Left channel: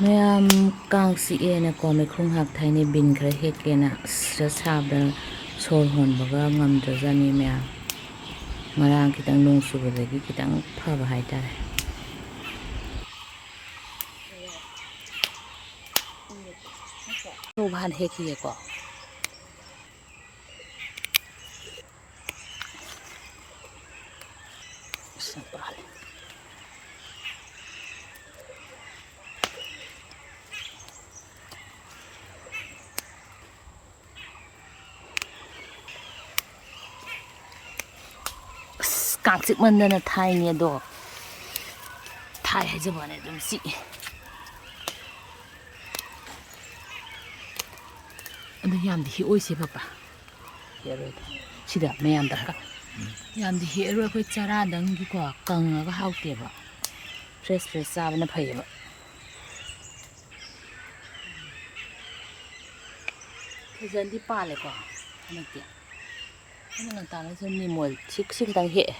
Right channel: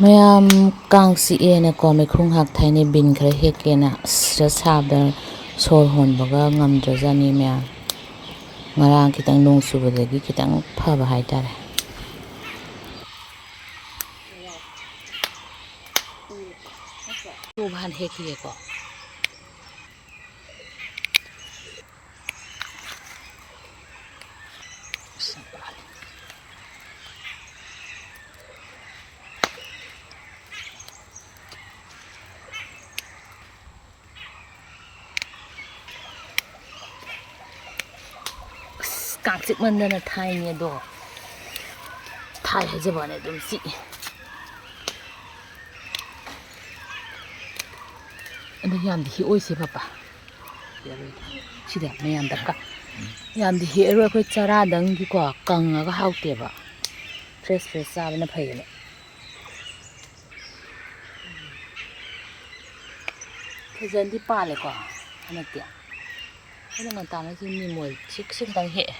ꯃꯌꯥꯝ ꯀꯥꯡ ꯆꯤꯛꯑꯦꯅꯀꯣ ꯃꯩꯈꯨꯡ ꯍꯥꯛꯊꯩꯅꯦ ꯕꯤꯟ ꯈꯔ ꯍꯦꯛꯀꯦꯅ ꯑꯁ ꯁꯥꯕꯗ ꯁꯣꯔ ꯍꯣꯟꯕꯒ ꯉꯝꯗ꯭ꯔꯖꯥꯠꯅꯤ ꯃꯌꯥꯝ ꯉꯔꯥꯡ ꯈꯤꯇꯪ ꯅꯣꯡ ꯆꯨꯕꯗꯒꯤ ꯈꯤꯇꯪ ꯐꯕ ꯍꯥꯏꯇꯥꯔꯦ ꯍꯥꯟꯅ ꯍꯦꯛꯈꯤꯒꯦꯀꯣ ꯀꯥꯡ ꯆꯤꯛꯃꯟꯗꯅ ꯊꯥꯏꯅꯤ ꯑꯗꯣ ꯊꯥꯏ ꯍꯥꯏꯖꯕꯅꯦ ꯑꯗꯨꯝ ꯆꯤꯛꯏ ꯑꯗꯨ ꯌꯥꯝꯗꯤ ꯍꯦꯛꯑꯣꯏꯁꯦ ꯄꯄꯥ ꯁꯤꯗ ꯃꯌꯥꯝꯗ ꯌꯥꯝꯗꯤ ꯍꯦꯛꯑꯔꯣꯏ ꯑꯩꯈꯣই ꯆꯔꯥꯗꯪꯒꯤꯀꯣ ꯀꯪꯉꯒ ꯍꯥꯎꯇꯦꯕ ꯐ꯭ꯔꯦꯁ ꯐ꯭ꯔꯦꯁ ꯆꯥꯕꯅ ꯐꯩꯌꯦꯕ ꯐꯖꯅꯗꯤ ꯄꯥꯜꯂꯦꯀꯣ ꯍꯟꯗꯛꯇꯤ ꯑꯩꯅ ꯉꯟꯇꯥꯅꯁꯨ ꯅꯤꯃꯣꯏ ꯁꯤ ꯈꯤꯇꯪ ꯍꯦꯛꯑꯦ